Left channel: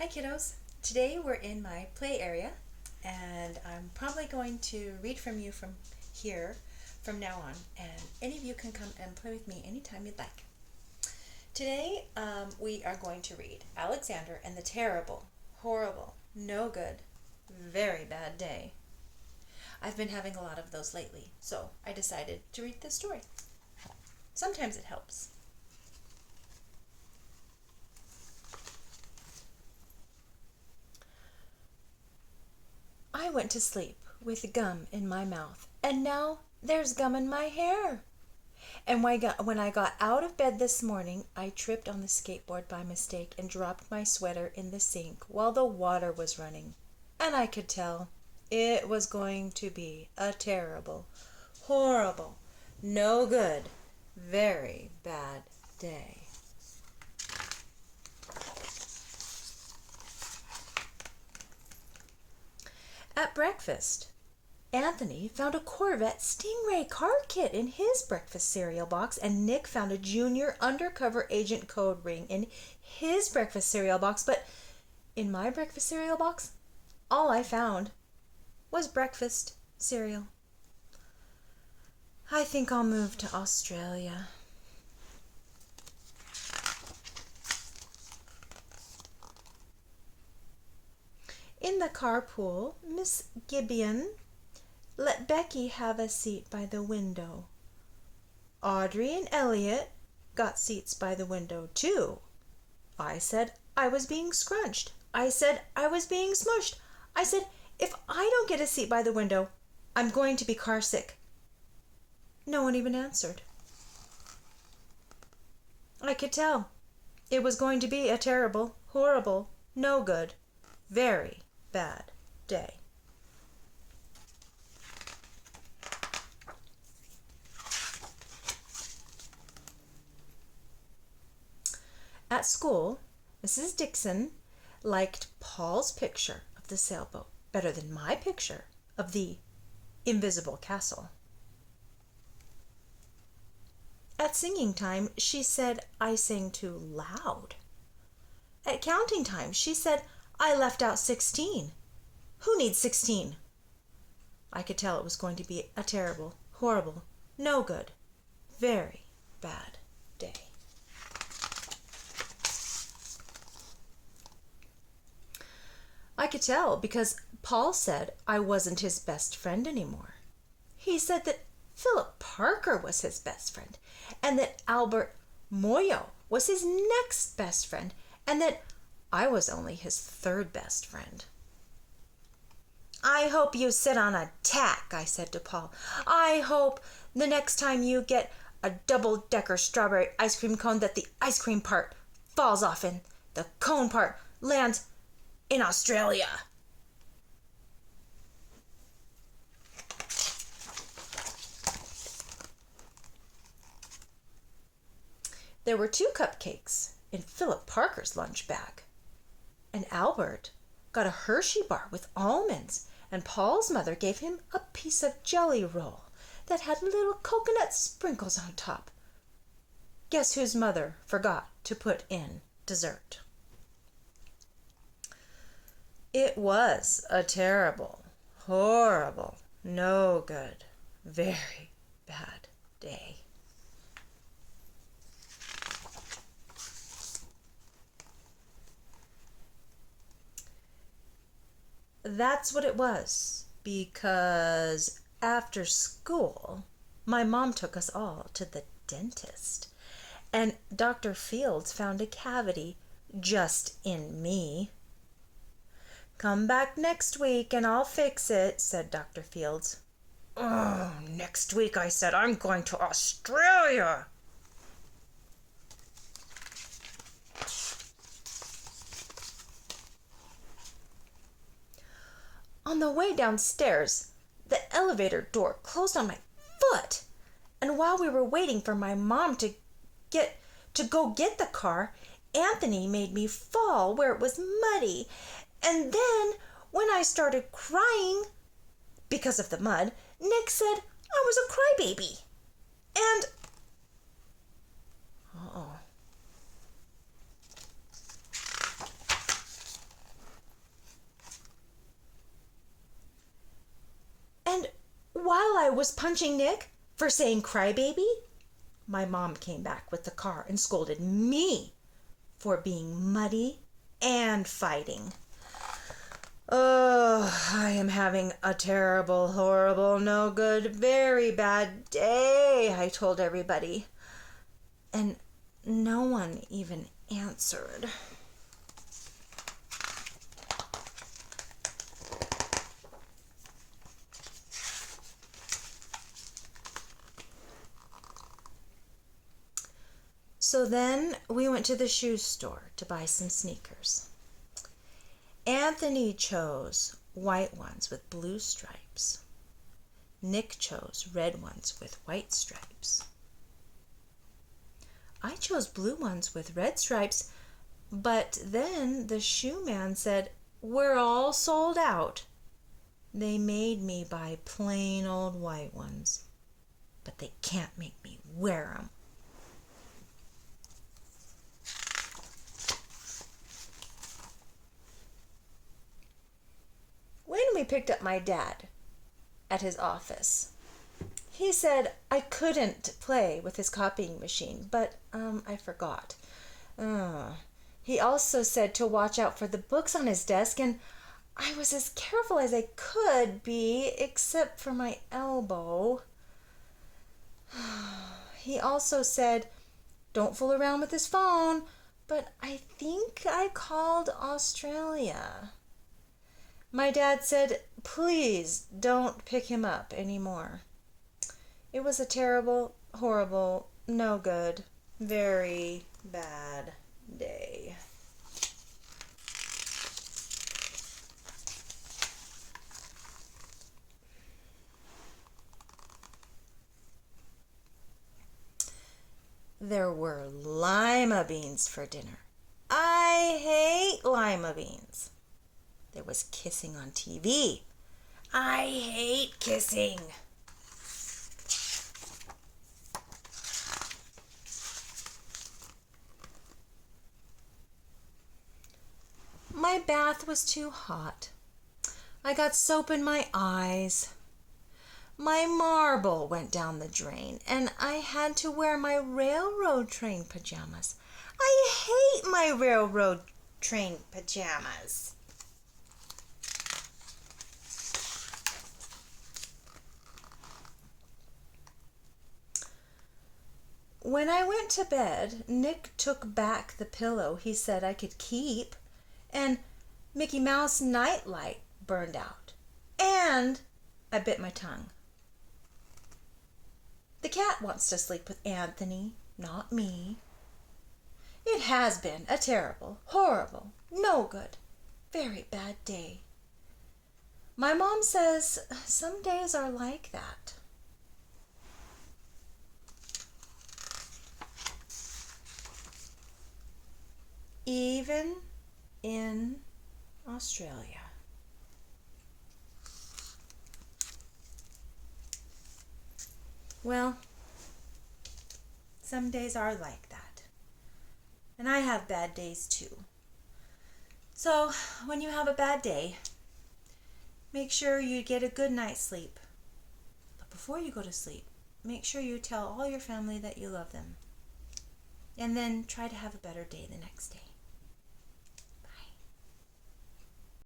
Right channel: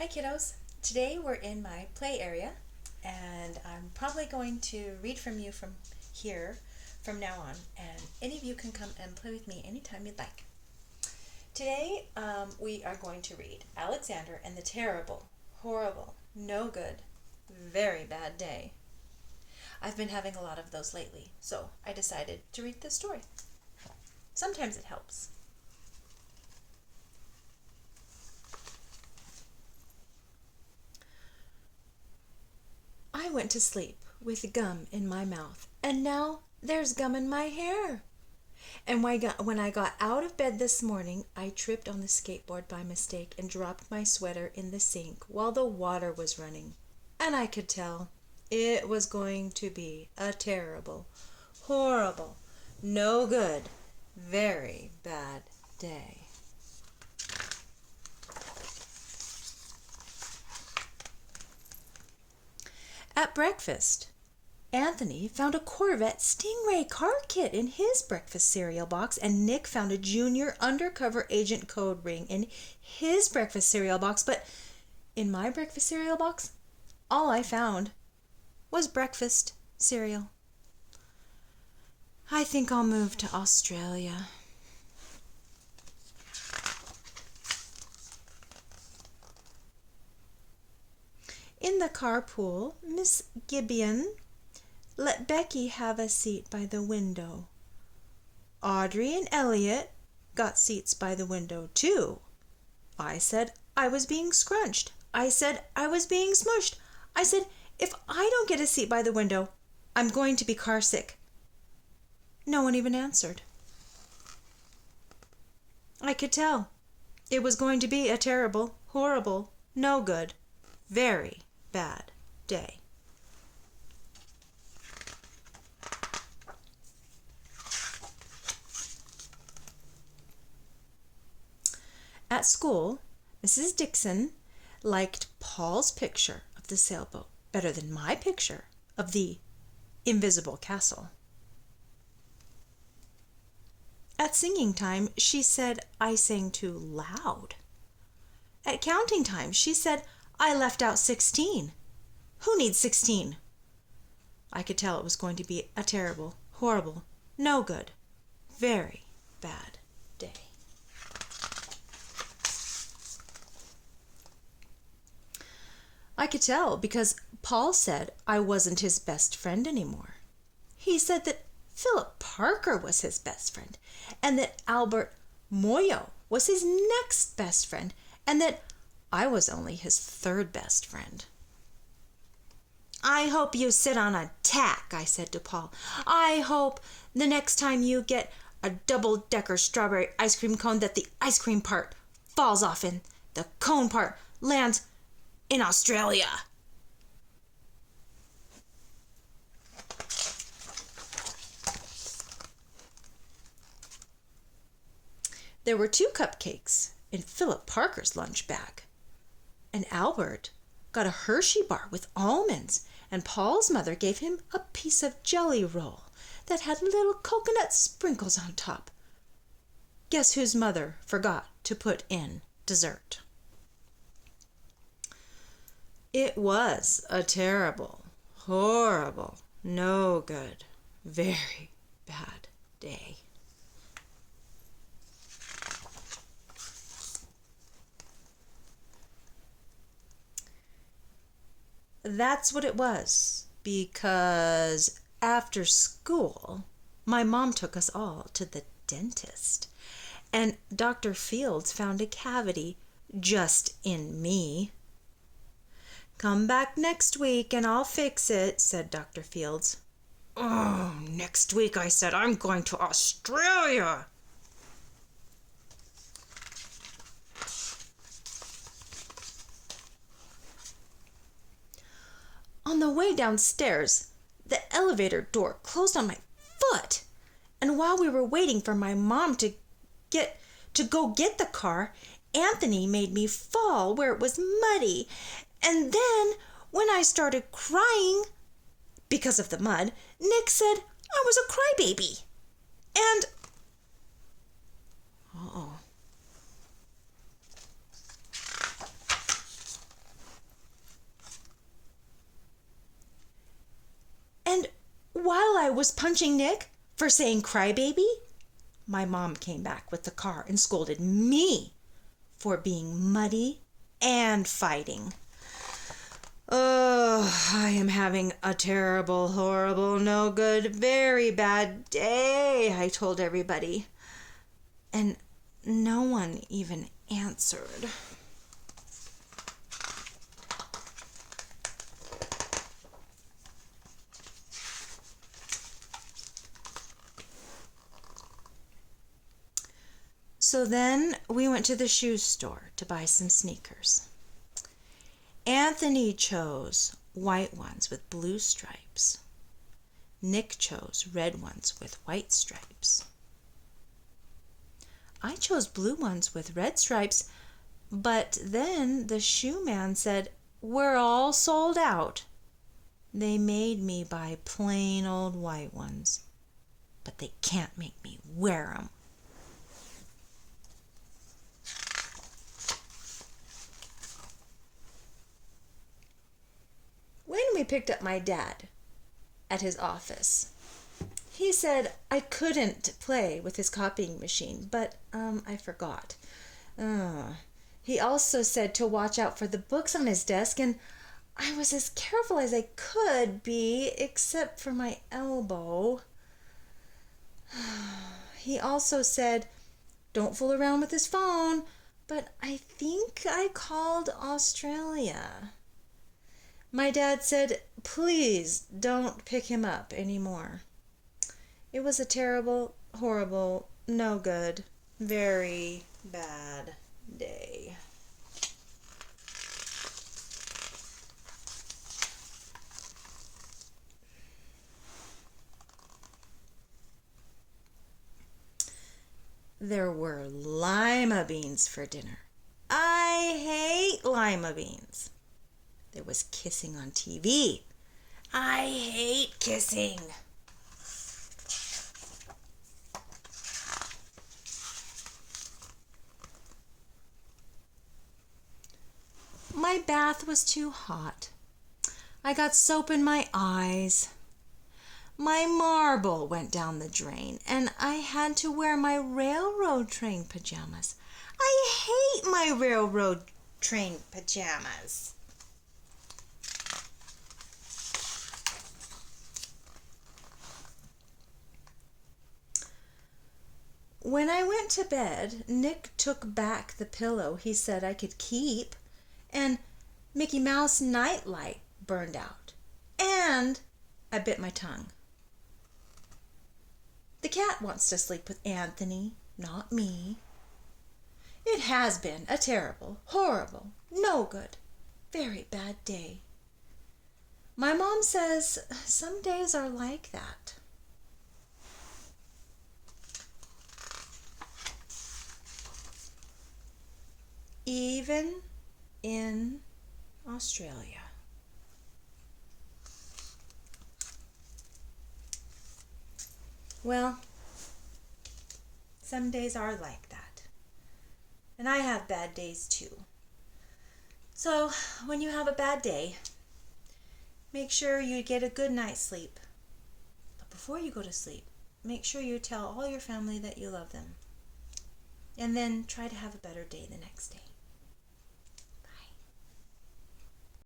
Hi kiddos. Today we're in my play area and I'm probably going to read from you from here from now on, and any of you can come and play with me anytime you'd like. Today we are going to read Alexander and the Terrible, Horrible, No Good, Very Bad Day. I've been having a lot of those lately, so I decided to read this story. Sometimes it helps. I went to sleep with gum in my mouth, and now there's gum in my hair. And when I got out of bed this morning, I tripped on the skateboard by mistake and dropped my sweater in the sink while the water was running. And I could tell it was going to be a terrible, horrible, no good, very bad day. At breakfast, Anthony found a Corvette Stingray car kit in his breakfast cereal box, and Nick found a junior undercover agent code ring in his breakfast cereal box. But in my breakfast cereal box, all I found was breakfast cereal. I think I'll move to Australia. In the carpool, Miss Gibeon let Becky have a seat by the window. Audrey and Elliot got seats by the window too. I said I was being scrunched. I said I was being smushed. I said if I don't get a seat by the window, I'm going to be car sick. No one even answered. I could tell it was going to be a terrible, horrible, no good, very bad day. At school, Mrs. Dixon liked Paul's picture of the sailboat better than my picture of the invisible castle. At singing time, she said I sang too loud. At counting time, she said I left out 16. Who needs 16? I could tell it was going to be a terrible, horrible, no good, very bad day. I could tell because Paul said I wasn't his best friend anymore. He said that Philip Parker was his best friend, and that Albert Moyo was his next best friend, and that I was only his third best friend. I hope you sit on a tack, I said to Paul. I hope the next time you get a double-decker strawberry ice cream cone that the ice cream part falls off and the cone part lands in Australia. There were 2 cupcakes in Philip Parker's lunch bag, and Albert got a Hershey bar with almonds, and Paul's mother gave him a piece of jelly roll that had little coconut sprinkles on top. Guess whose mother forgot to put in dessert? It was a terrible, horrible, no good, very bad day. That's what it was, because after school, my mom took us all to the dentist, and Dr. Fields found a cavity just in me. Come back next week and I'll fix it, said Dr. Fields. Oh, next week, I said. I'm going to Australia. On the way downstairs, the elevator door closed on my foot. And while we were waiting for my mom to go get the car, Anthony made me fall where it was muddy. And then, when I started crying because of the mud, Nick said I was a crybaby. And I was punching Nick for saying crybaby, my mom came back with the car and scolded me for being muddy and fighting. Oh, I am having a terrible, horrible, no good, very bad day, I told everybody. And no one even answered. So then we went to the shoe store to buy some sneakers. Anthony chose white ones with blue stripes. Nick chose red ones with white stripes. I chose blue ones with red stripes, but then the shoe man said, "We're all sold out." They made me buy plain old white ones, but they can't make me wear them. When we picked up my dad at his office, he said I couldn't play with his copying machine, but I forgot. He also said to watch out for the books on his desk, and I was as careful as I could be, except for my elbow. He also said, "Don't fool around with his phone," but I think I called Australia. My dad said, "Please don't pick him up anymore." It was a terrible, horrible, no good, very bad day. There were lima beans for dinner. I hate lima beans. There was kissing on TV. I hate kissing. My bath was too hot. I got soap in my eyes. My marble went down the drain, and I had to wear my railroad train pajamas. I hate my railroad train pajamas. When I went to bed, Nick took back the pillow he said I could keep, and Mickey Mouse nightlight burned out, and I bit my tongue. The cat wants to sleep with Anthony, not me. It has been a terrible, horrible, no good, very bad day. My mom says some days are like that. Even in Australia. Well, some days are like that. And I have bad days too. So when you have a bad day, make sure you get a good night's sleep. But before you go to sleep, make sure you tell all your family that you love them. And then try to have a better day the next day.